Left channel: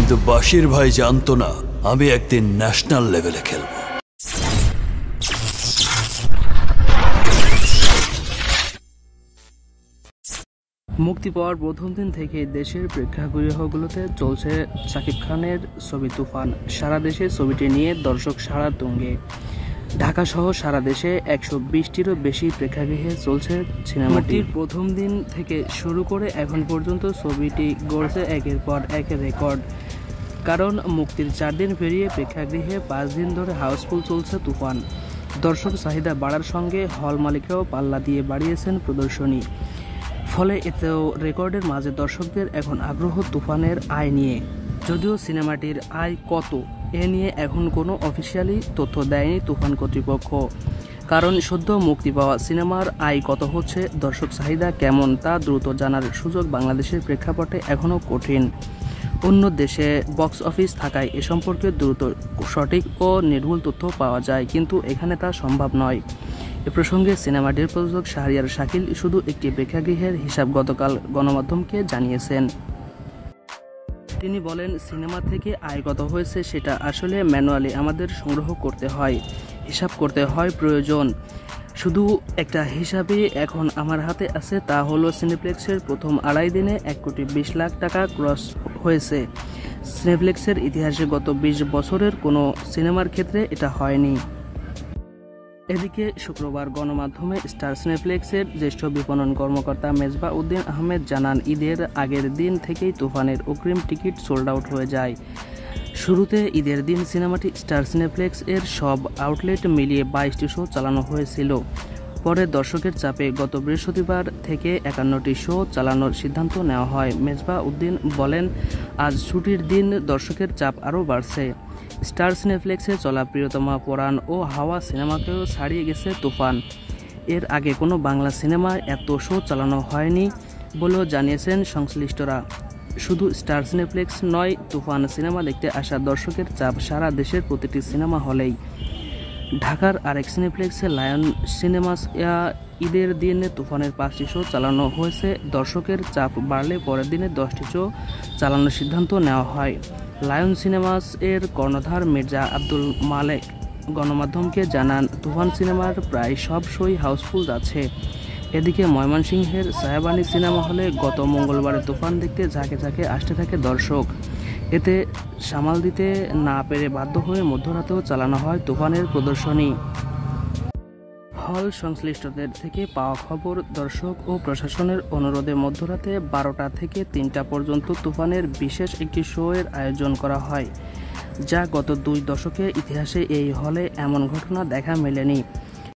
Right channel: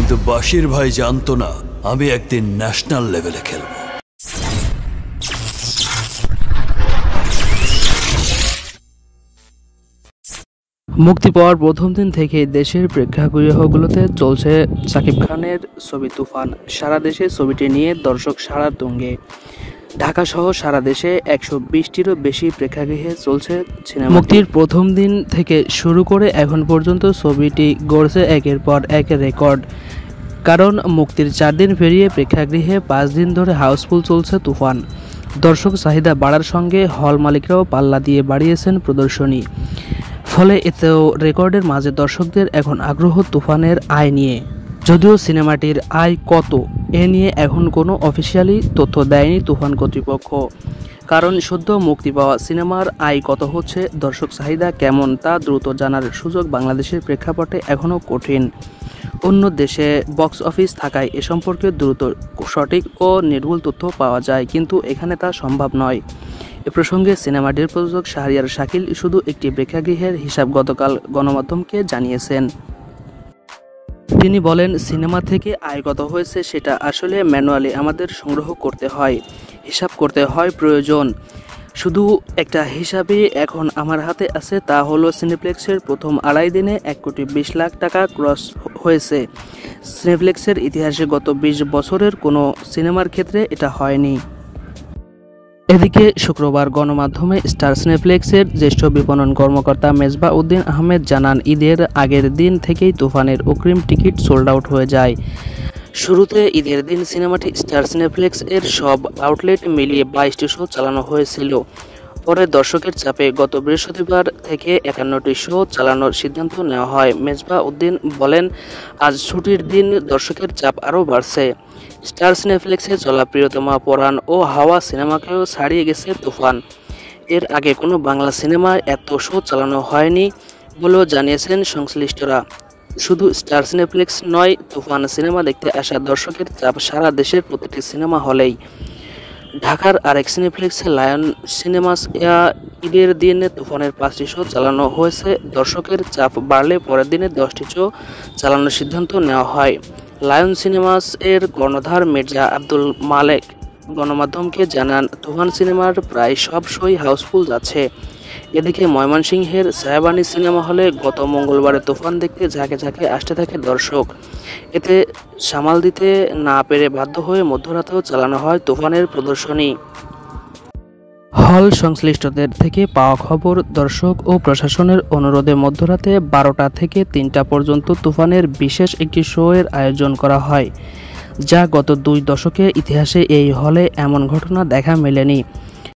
কিন্তু বাশির ভাই জানতো না আমি একদিন ন্যাশনাল লেভেলে খেলব। মুক্তি পাওয়ার প্রথম দিন থেকে দেশের প্রেক্ষাগৃহগুলোতে চলছে শাকিব খানের ছবি তুফান। সারা দেশে ছবিটি নিয়ে দর্শক সাড়া তুঙ্গে। ঢাকা সহ সারা দেশে 120টিরও বেশি প্রেক্ষাগৃহে চলছে সিনেমা। মুক্তির প্রথম দিন থেকে শুরু করে এখন পর্যন্ত ছবিটি গড়ছে একের পর এক রেকর্ড। কারণ মুক্তির 4 দিন পেরিয়ে প্রেক্ষাগৃহে 5 দিন ধরে হাউসফুল চলছে তুফান। দর্শক চাহিদা বাড়ার সঙ্গে হল মালিকরাও পাল্লা দিয়ে বাড়িয়েছেন প্রদর্শনী। ফলে এতেও রেকর্ডের মাঝে দর্শকদের এখন আগ্রহ তুফানের আয় নিয়ে। যদিও সিনেমাটির আয় কত এ নিয়ে এখন কোনো অফিসিয়ালি তথ্য দেয়নি তুফান কর্তৃপক্ষ। কারণ সদ্য মুক্তি পাওয়া সিনেমার আয় কত হচ্ছে, দর্শক চাহিদা কেমন তা দ্রুত জানার সুযোগ বাংলাদেশের প্রেক্ষাপটে এখনও কঠিন। অন্য দেশে বক্স অফিস থাকায় এ সম্পর্কে দ্রুত সঠিক ও নির্ভুল তথ্য পাওয়া যায়, কিন্তু এখানে তা সম্ভব নয়। এ প্রসঙ্গে সিনেমাটির প্রযোজক শাহরিয়ার শাকিল শুধু একটি প্রেক্ষাগৃহের হিসাব গতকাল গণমাধ্যমকে জানিয়েছেন। তিনি বলেন, সিনেমা থেকে আয় কত হয়েছে সেটা আসলে ম্যানুয়ালি আমাদের সংগ্রহ করতে হয়, হিসাব করতে হয় প্রয়োজন। শুধু একটা হিসাবে এখন আমার হাতে আছে, তা হলো সিনেপ্লেক্সের প্রথম 2.5 দিনে 1,20,00,000 টাকা ক্রস হয়েছে। সিনেপ্লেক্সের ইতিহাসে গত 20 বছরের কোনো সিনেমার ক্ষেত্রে এটা হয়নি। এদিকে শুক্রবার গণমাধ্যমে স্টার সিনেপ্লেক্সের জ্যেষ্ঠ বিপণন কর্মকর্তা মেজবা উদ্দিন আহমেদ জানান, ঈদের আগের দিন থেকেই তুফানের অগ্রিম টিকিট সোল্ড আউট হয়ে যায়। শুরুতে ঈদের দিন সিনেমাটি স্টার সিনেপ্লেক্স এর সব আউটলেট মিলিয়ে 22টি শো চালানো হয়েছিল। পরে দর্শকের চাপে গত বৃহস্পতিবার থেকে 51টি শো চালানোর সিদ্ধান্ত নেওয়া হয়। মেজবা উদ্দিন বলেন, আজ ছুটির দিন দর্শকের চাপ আরও বাড়ছে। স্টার সিনেপ্লেক্সে চলা প্রিয়তমা পরাণ ও হাওয়া সিনেমাকেও ছাড়িয়ে গেছে তুফান। এর আগে কোনো বাংলা সিনেমায় এত শো চালানো হয়নি বলেও জানিয়েছেন সংশ্লিষ্টরা। শুধু স্টার সিনেপ্লেক্স নয়, তুফান সিনেমা দেখতে আসা দর্শকের চাপ সারা দেশের প্রতিটি সিনেমা হলেই। ঢাকার আরেক সিনেপ্লেক্সে লায়ন সিনেমাস ঈদের দিন তুফানের 5টি শো চালানো হয়েছে। দর্শকের চাপ বাড়লে পরের দিনে 10টি শো চালানোর সিদ্ধান্ত নেওয়া হয়। লায়ন সিনেমাস এর কর্ণধার মির্জা আব্দুল মালেক গণমাধ্যমকে জানান, তুফান সিনেমার প্রায় সব শোই হাউসফুল যাচ্ছে। এদিকে ময়মনসিংহের সায়াবানী সিনেমা হলে গত মঙ্গলবারে তুফান দেখতে ঝাঁকে ঝাঁকে আসতে থাকে দর্শক। এতে সামাল দিতে না পেরে বাধ্য হয়ে মধ্যরাতেও চালানো হয় তুফানের প্রদর্শনী। হল সংশ্লিষ্টদের থেকে পাওয়া খবর, দর্শক ও প্রশাসনের অনুরোধে মধ্যরাতে 12টা থেকে 3টা পর্যন্ত তুফানের বিশেষ একটি শো এর আয়োজন করা হয়, যা গত 2 দশকের ইতিহাসে এই হলে এমন ঘটনা দেখা মেলেনি।